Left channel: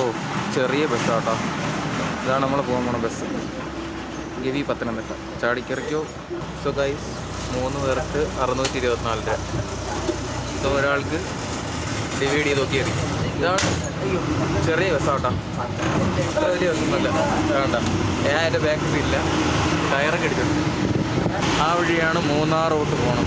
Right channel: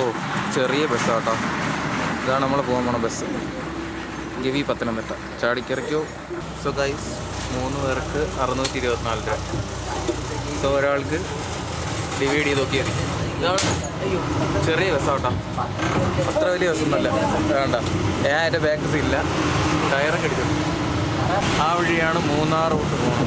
ഓ ചെറിയ ബസ്സാട്ടോ. ഇതാണ് നമ്മൾ പോകാൻ പോണ ബസ്. ഗവി പത്തനംതിട്ട ചാടിക്കറിക്കോ. സോ ഗൈസ് 3 പേർക്ക് 624 രൂപ. സോ ഒരാൾക്ക് ഡിവൈഡ് ചെയ്ത് നോക്കിയാൽ മതി. ഇതാണ് അയ്യോ ചെറിയ ബസ്സാട്ടോ. അത്ര വലിയ ബസ്സൊന്നുമല്ല. വേണ്ട ഞാൻ എൻ്റെ ബാക്ക് ഇല്ല, ടയറൊക്കെ അടിച്ചിട്ടുണ്ട്. ആ വഴിയാണ് മൂന്നാർ റൂട്ട് പോകണം.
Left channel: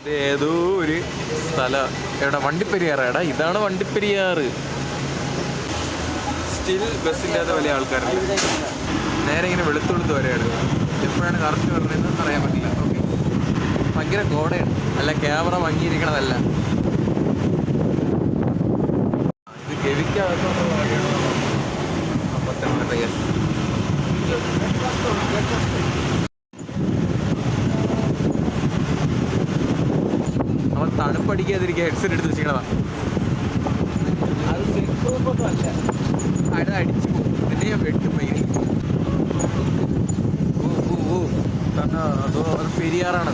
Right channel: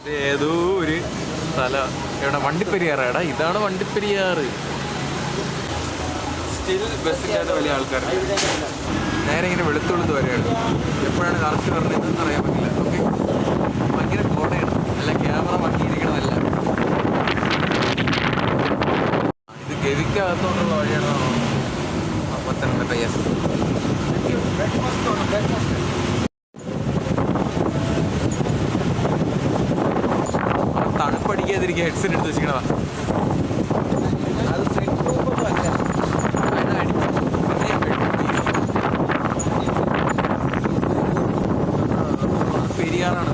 ഇത് ഏതോ ഒരു സ്ഥലം. എവിടെ? വണ്ടിപ്പെരിയാറാടാ. ഇതാണ് വണ്ടിപ്പെരിയാറ്. സ്റ്റിൽ ബസ്സില്ലാത്ത വലിയ ആൾക്കാരുണ്ട്. നേരെ ഇങ്ങനെ വെളുത്ത് വരെയാണ്. എപ്പോഴാണ് കറക്റ്റ് പറഞ്ഞതെന്ന് അറിയാൻ പറ്റില്ല. ഓക്കെ, ഭയങ്കര കോടയാണ്. അല്ല ക്യാമറ ഭംഗിയിരിക്കണമല്ല. ഇത് ഗവിക്കകത്തോട്ടുള്ള വഴിയാണോ? പത്തനംതിട്ട. യെസ്. അവൻ തണുപ്പടിക്കാതിരിക്കുക ഹെഡ്സെറ്റ് എടുത്ത് വെച്ചിരിക്കണതാ. അത് അടിച്ചു പെരിയാറാണ്.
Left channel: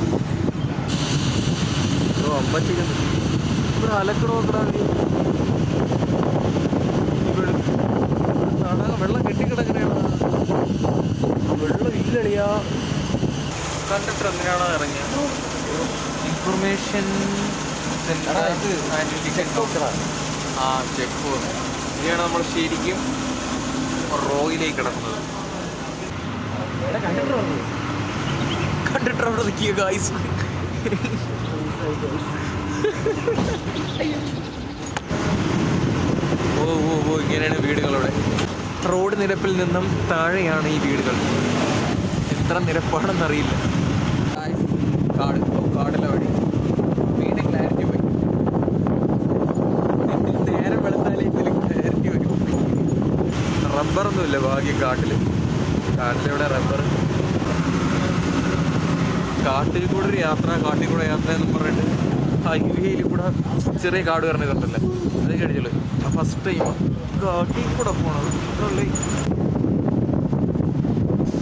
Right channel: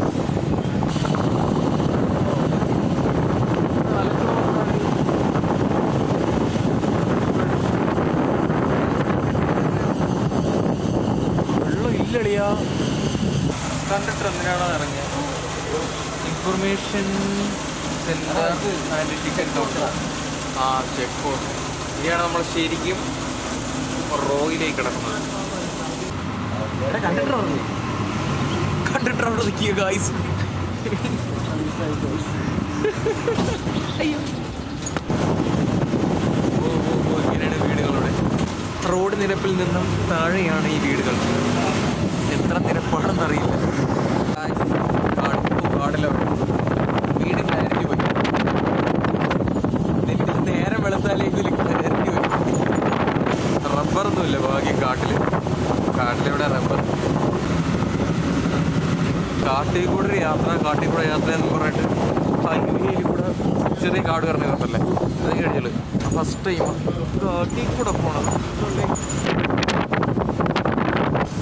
അലക്കണോ വെള്ളം ഇല്ലളിയാ. കണ്ടിട്ട് എന്തിനാണോ ഇറങ്ങിയ information centre and ticket counter. ആ ചെക്ക് പോസ്റ്റ്. ഇതാണ് നമ്മൾ ശരിക്കും റോയിലേക്ക് കിടക്കുന്നത്. കണ്ടിട്ടാണ് നിൽക്കുക ഗായ്സ്. ഓ ഓ ഓ ഇങ്ങനെയാണ് വീടുകളവിടെ. റോഡ് നിരപ്പിൽ നിന്നും താഴെയാണ് ഈ വീടുകൾ. എത്ര നിരപ്പാണെന്നറിയില്ല. കാടിലെ വഴി വീട് ക്ലാരിറ്റി പറ്റും. നേരം വെളുത്താലേക്ക് ക്ലാരിറ്റി പറ്റും. റബ്ബറൊന്നുമില്ല ഭാഗ്യം കാട്ടിലിവിടെ റബ്ബർ. കാട്ടിൽ കൂടെ ഒരു യാത്ര, കാട്ടിൽ കൂടെ യാത്ര എന്ന് പറഞ്ഞിട്ട് ഹൈവേയിൽ കൂടെ ചെറിയ കാട് കയറുന്ന ഇതല്ലേ ഇതൊക്കെ കഴിച്ചത്. ഫസ്റ്റ് ടൈം കാട്ടിൽ കൂടെ പോണത്.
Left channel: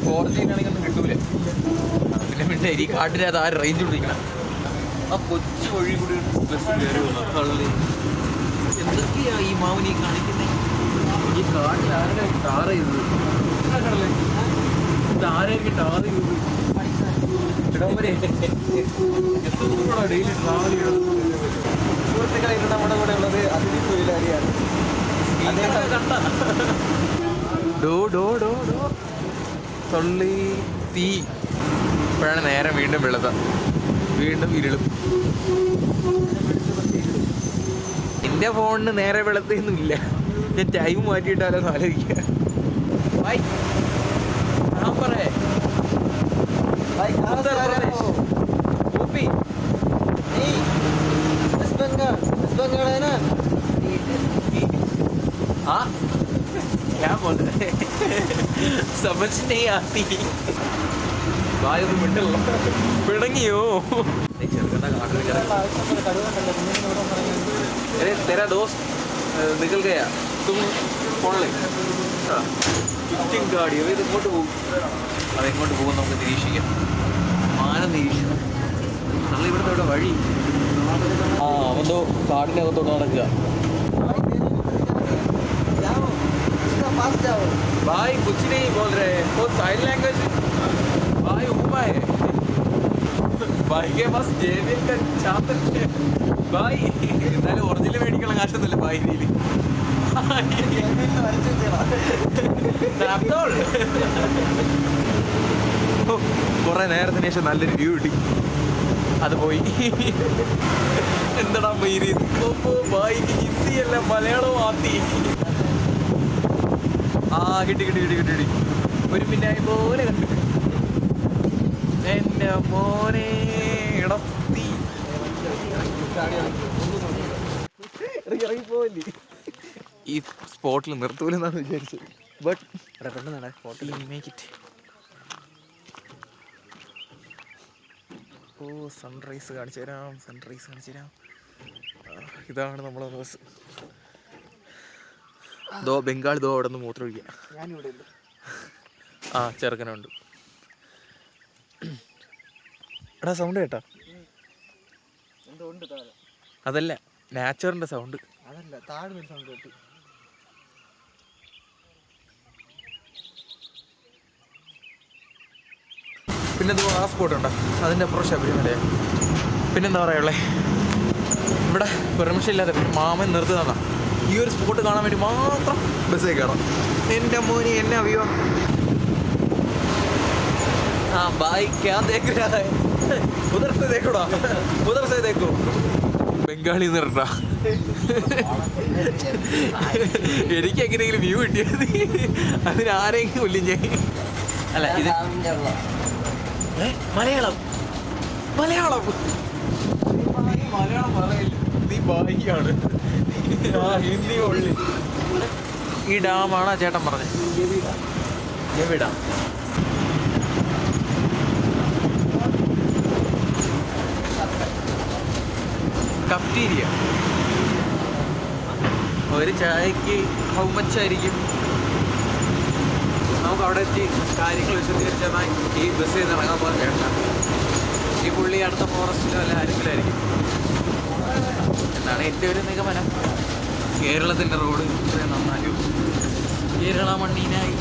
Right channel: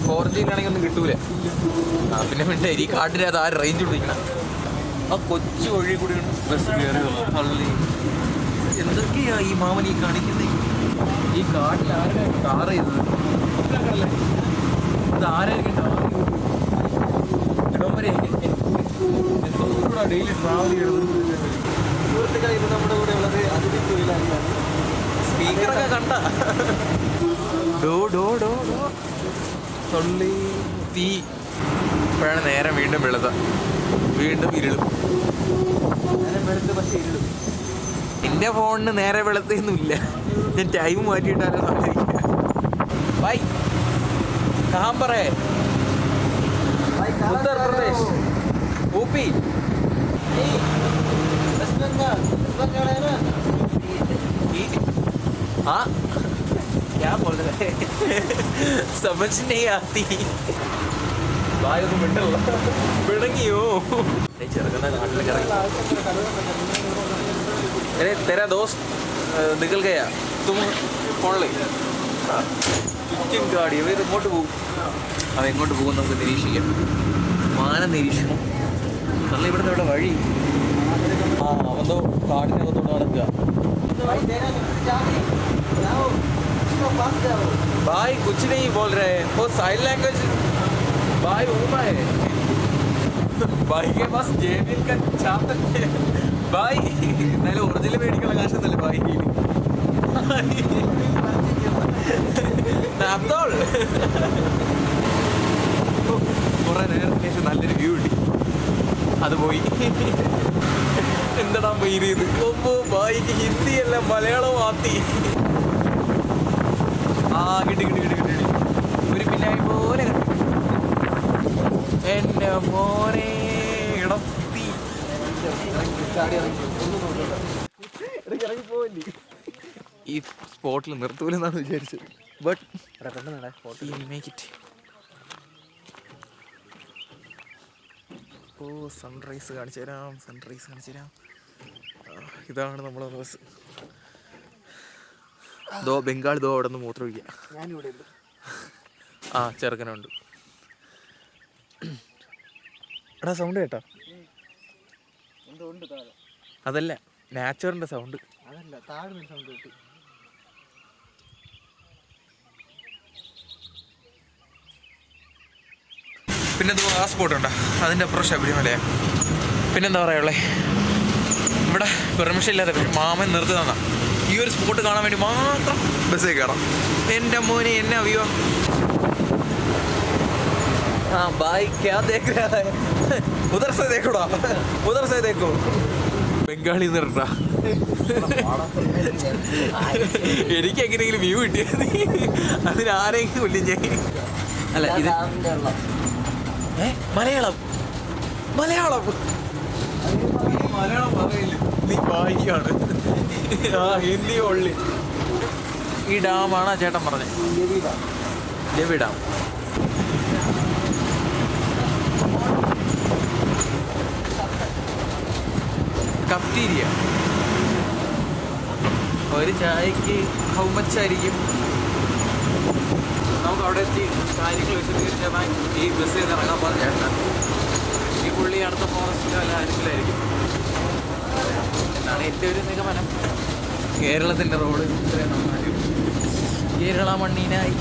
4G ആണെങ്കിൽ ഒന്നും കിട്ടൂലേ. പിന്നെ പിന്നെ ഈ കാട്ടിനകത്ത് ആ റേഞ്ച് പിടിക്കണം. ആ കൊച്ചു വഴി കൂടി ബസ് കയറി എന്തൊക്കെയാ ഈ മാമനി കാണിക്കുന്നത്? ഈ കാട്ടിൽ ആരുടെ ടാർ ചെയ്തു? ഇത് ആരായിരിക്കും ടാർ ചെയ്തു? ഡെയിലി ട്രാവൽ ചെയ്യുന്നത് സുഹൃത്തുക്കളെ. ഇവിടെ നമ്മുടെ കൂടെ ഉള്ളത് അതിഥി തൊഴിലാളിയാണ്. ഡോ ഡോ ഡോ ഡോ തൊള്ളി തീ. ഇപ്പോഴാണ് നേരം വീണ്ടും വെളുത്ത, വീണ്ടും ഇരുളും. എൻ്റെ ഫോണിന് നേരെ വെളുത്തൊന്നുമില്ല. ഞാൻ ടൈം മാറ്റിയിട്ടാലോ സാധിക്കുക. ബൈ കഹാം पर है? उत्तर प्रदेश, यूपी, वेस्ट बंगाल है ना? हाँ क्या बोल रहे हैं? समझ नहीं आती. भाई तुम मिनट पिड़ंगियो ചെറുക്കണ്ട കാട്ടിലേക്ക് ഇറങ്ങി. तेरा दोस्त निकल गया, तुम फोन ले. ചുറ്റും കാടി. അവ ഇത് ഇങ്ങോട്ട് പോകും. അവ എങ്ങോട്ട് പോകും നമുക്ക് നിരീക്ഷിക്കാം. മാനം നിരീക്ഷിക്കണം. നമ്മൾ ഇവിടുത്തെ വഴി എന്തോ കാടിനകത്തോട്ട് നടക്കുക. भाई कुछ नहीं बोल रहे हैं, वो साइन लैंग्वेज. भाई ऊपर है. भाई के पास जेबी का छाप है. भाई എന്നാലും ഒറിജിനൽ മേടിക്കുന്ന കാശൊന്നുമല്ല ഭായി. കുറെ നേരത്തിന് ശേഷം നല്ലൊരു വ്യൂ കിട്ടി. അത് പോയി. എന്താടാ മയില്? ഭായിക്ക് ഹിന്ദിയല്ല മലയാളം ആത്തി. ആ കിട്ടി കിട്ടി കിട്ടി കിട്ടി. ഒരു പിന്നായി പോലെ എന്റെ മോനെ ഇടത്തി ഇറങ്ങിപ്പോവല്ലേ. ഈ സ്പോട്ടിൽ നിർത്തൂലെന്നാണ് വിചാരിച്ചത്. ബട്ട് ഓ സൺറൈസ് കാണിച്ചു തരാം. ഇതാണ് നമ്മളെ ബസ്. ദോ ബംഗാൾ ദോ അവിടെ നിന്ന് മൂത്രം ഒഴിക്കുക. ആ ചെറുക്കനുണ്ട്. എടാ സൗണ്ട് കേട്ടാ? അതല്ല നാച്ചുറിന്റെ സൗണ്ട്. പിന്നെ ആ സ്പോട്ട് ഉണ്ടോ, അതിൻ്റെ അപ്പുറം ശബരിമലയാണ്. പിന്നെന്താ പറയുള്ളേ, ഇവിടെ പെർമിഷൻ ഇല്ലാതെ മാമൻ നിർത്തി തന്നാ ഈ ഒരു സ്പോട്ട് കാണാൻ വേണ്ടി മാത്രം ബസ്സിൽ കയറാം. എൻ്റെ മോനെ എന്നെ അവ്യോ. हाँ भाई क्या देख रहा है, उधर से देखो ना, उधर से देखो. ബംഗാളി നിർത്താ. എനിക്ക് എങ്ങനെയെങ്കിലും വ്യൂ കിട്ടിയത് അതിനാരെങ്കിലും കൊല്ലിഞ്ഞേ. അല്ല ഇത് മലയാളം മലയാളം മലയാളം പറയില്ല, നീ ഭാര്യയാണ്. ഹിന്ദി ഉള്ളി. ഈ ഡാമാണ് ചേട്ടൻ പറഞ്ഞത്, ഗവി ഡാം. കഫ്റ്റീരിയ. ഒരു ചായക്ക് ഹൗ മച്ച് ആയിരിക്കും? നമുക്ക് അവിടെ എത്തി കാര്യങ്ങൾ വിശദീകരിച്ചാൽ ഈ ബസ് ചെയ്ത് ഇറങ്ങാൻ പോകാൻ ചേട്ടാ. ഈ പുള്ളി അടുത്ത ഫോറസ്റ്റിലോ അല്ല ആരെങ്കിലും ആയിരിക്കും എന്നാണ് എൻ്റെ ഒരു നിഗമനം. കേരളത്തിൻ്റെ റോഡ് ഇത്രയും നന്നായും കേരള മണ്ണിനായി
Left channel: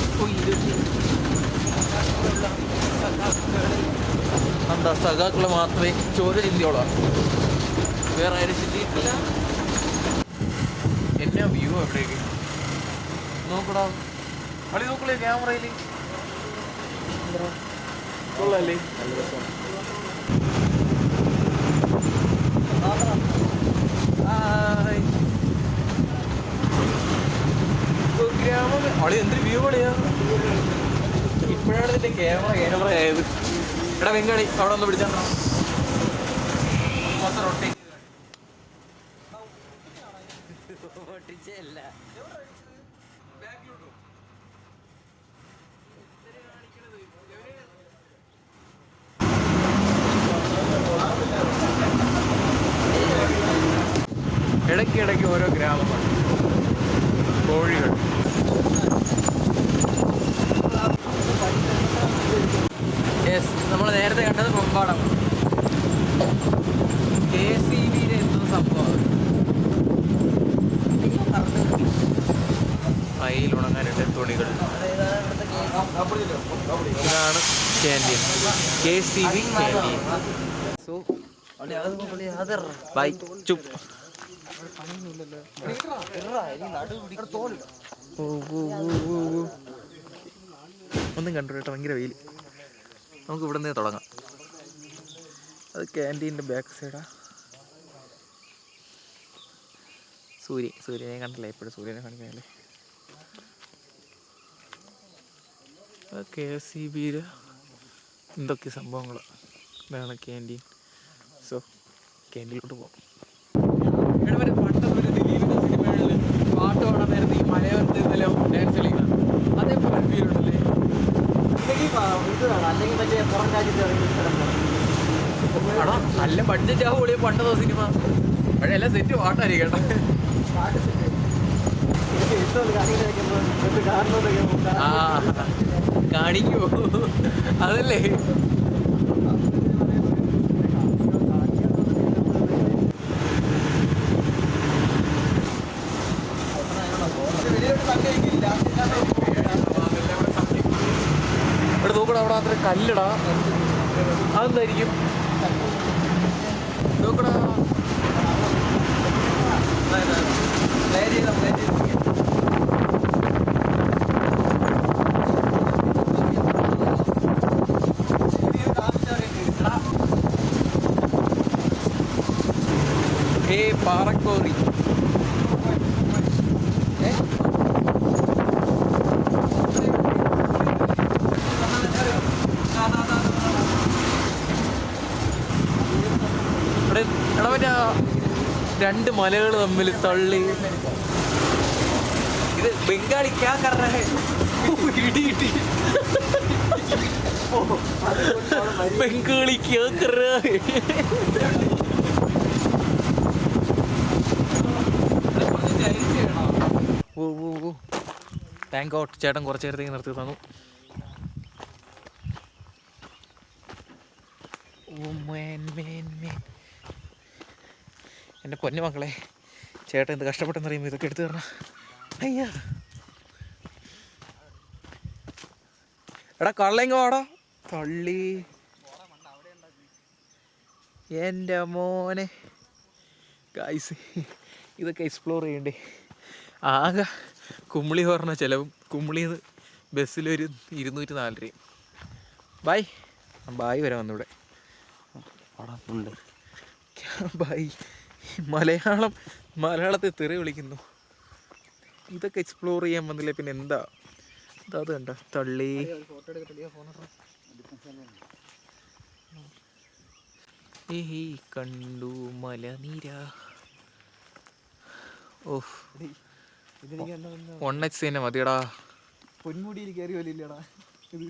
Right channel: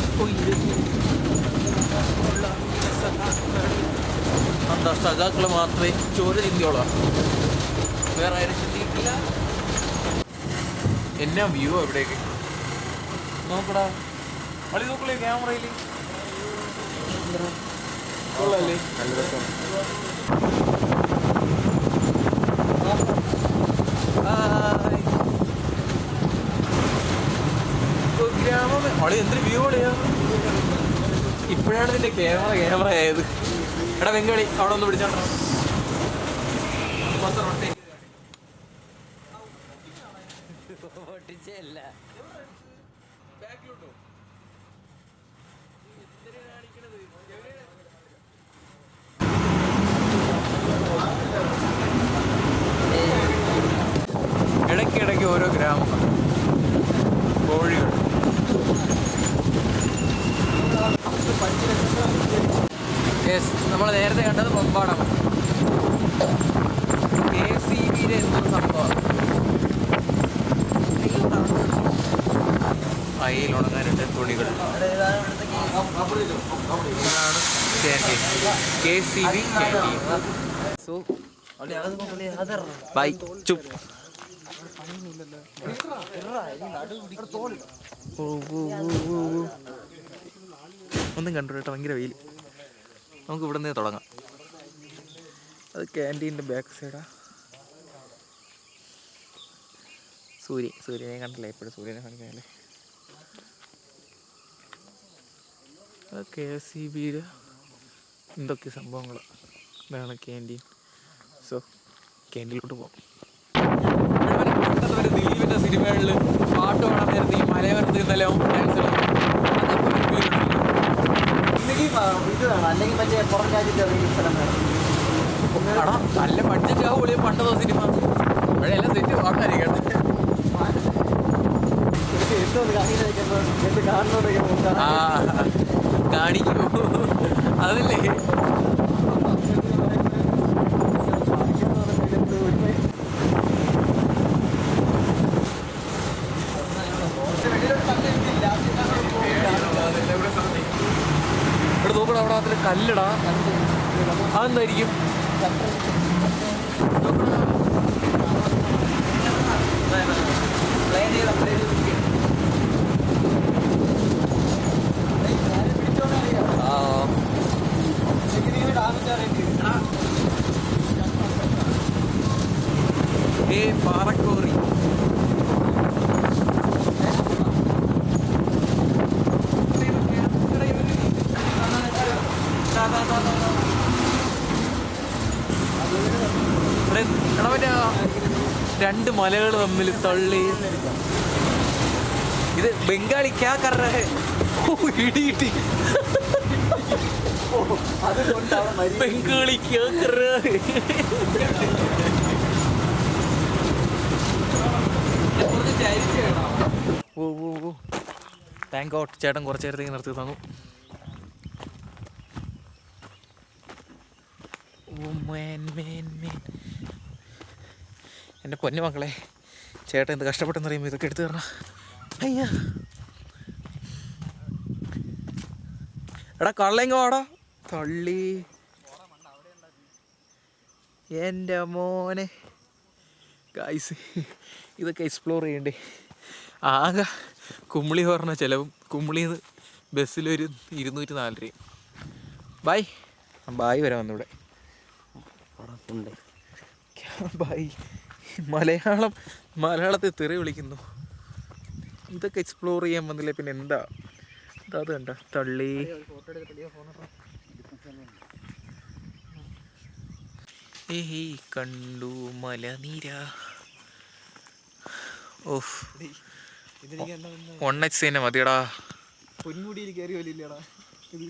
എന്താ സഖാക്കൾ മാത്രമേ ചോര ചിന്തിയോളാം, വേറെ ആരും ചിന്തിയിട്ടില്ല. എന്നാ വ്യൂ എവിടേക്ക് നോക്കടാ, അടി നോക്കളേ ക്യാമറയിൽ. കൊള്ളല്ലേ, നല്ല രസം. ഗ്രാമം അവിടെ എന്തൊരു വ്യൂ അളിയാ. ഇപ്പോഴാണ് ഇതിൻ്റെ ക്യാമറ ആയത്. എടാ വെങ്കാളി അവിടെ ഒന്ന് പിടിച്ചാണ്ടോ, മൊത്തം റൊട്ടേറ്റ് ഇടയ്ക്കിടയ്ക്ക് ഓരോ ഗ്രാമങ്ങൾ, കോഴികൾ. യെസ്, നമ്മൾ നേരത്തെ കണ്ടത് പമ്പാടമാണ്. KCBയുടെ എന്തോ സംഭവമാണ്. അയിൽ ഉണങ്ങാനിട്ട് തുണികൾ. ഇതാണ് ക്യാൻറ്റീൻ, KCB. സോ ബൈ ചുപ്പ്. ഒന്നും കണ്ടു കേട്ടോ, ഭയങ്കര വെയിൽ. നമുക്ക് ഇവിടെ നിന്ന് തുടങ്ങാം. അത് ക്യാൻറ്റീൻ്റെ ബാക്ക് സൈഡാ. സൂര്യനെ കണ്ടില്ല, എപ്പോഴും സൂര്യനെ കാണിക്കാനല്ലേ. KCBയുടെ എന്തൊക്കെ സംഭവങ്ങളാണ്. ഇതാണ് ക്യാൻറ്റീൻ. സോ ക്യാൻറ്റീനിലോട്ട് പോകാം. ദിലീപിൻ്റെ സിനിമകളിൽ പാട്ട് വേണം നേരത്തെ ഈ മലയോരത്തിരുന്നല്ലോ നല്ല ബഡ്ജറ്റ് ആവുമ്പോൾ പണ്ടതോ സിനിമ എല്ലാം തെറ്റ് പാട്ടായിരിക്കണം. കാണിക്കോ അതല്ലേ. ഇവിടെ നോക്കടാ, അവിടെ അത്ര കല്ലടാ, അതെന്തായിരിക്കും നോക്കടാ. പാറക്കോറി. രണ്ട് മലകൾ തമ്മിൽ തള്ളി. ഇത് ബംഗാളി ക്യാ കർ രഹാ ഹൈ, ഇടി ബംഗാളി ക്യാ കർ രഹാ ഹൈ. ഓ താങ്ക് ഗോഡ്, ചേട്ടൻ കുറച്ച് നേരത്തേക്ക് നിർത്തി തന്നു. ഓ മേൻ മേൻ മേൻ എൻ്റെ പൊന്നു മക്കളെ, ചേട്ടൻ എന്ത് കഷ്ടപ്പെട്ടെന്ന് അറിയുമ്പോൾ ഇതൊക്കെ എടുത്തു തരണം. അയ്യ എടാ കള്ളെങ്ങോ ആടാ തള്ളി എൻ്റെ മോനെ. ഗൈസ് ഇതൊക്കെ എക്സ്പ്ലോർ ചെയ്യണ്ടേ. ആകെ കുമ്മിളി പറഞ്ഞ ചിലവും കുമ്മിളിന്ന് ബസ്സിലൊരു 204 രൂപ. ബായ് ബായ് വരെ വന്നിവിടെ ഉണ്ട്. ബായ് മലയാളത്തിൽ തെറി വിളിക്കുന്നു. ഇതൊക്കെ എക്സ്പ്ലോർ ചെയ്യാൻ വന്നില്ലേ പിന്നെ എന്താ. അത് കണ്ട തള്ളി. ഏഹ് കണ്ടു മലനിര. ഓഫ് 1x തന്നെ മതിയടാ. പൊന്മുടിയിൽ കയറി വലിയില്ലടാ ഇത്.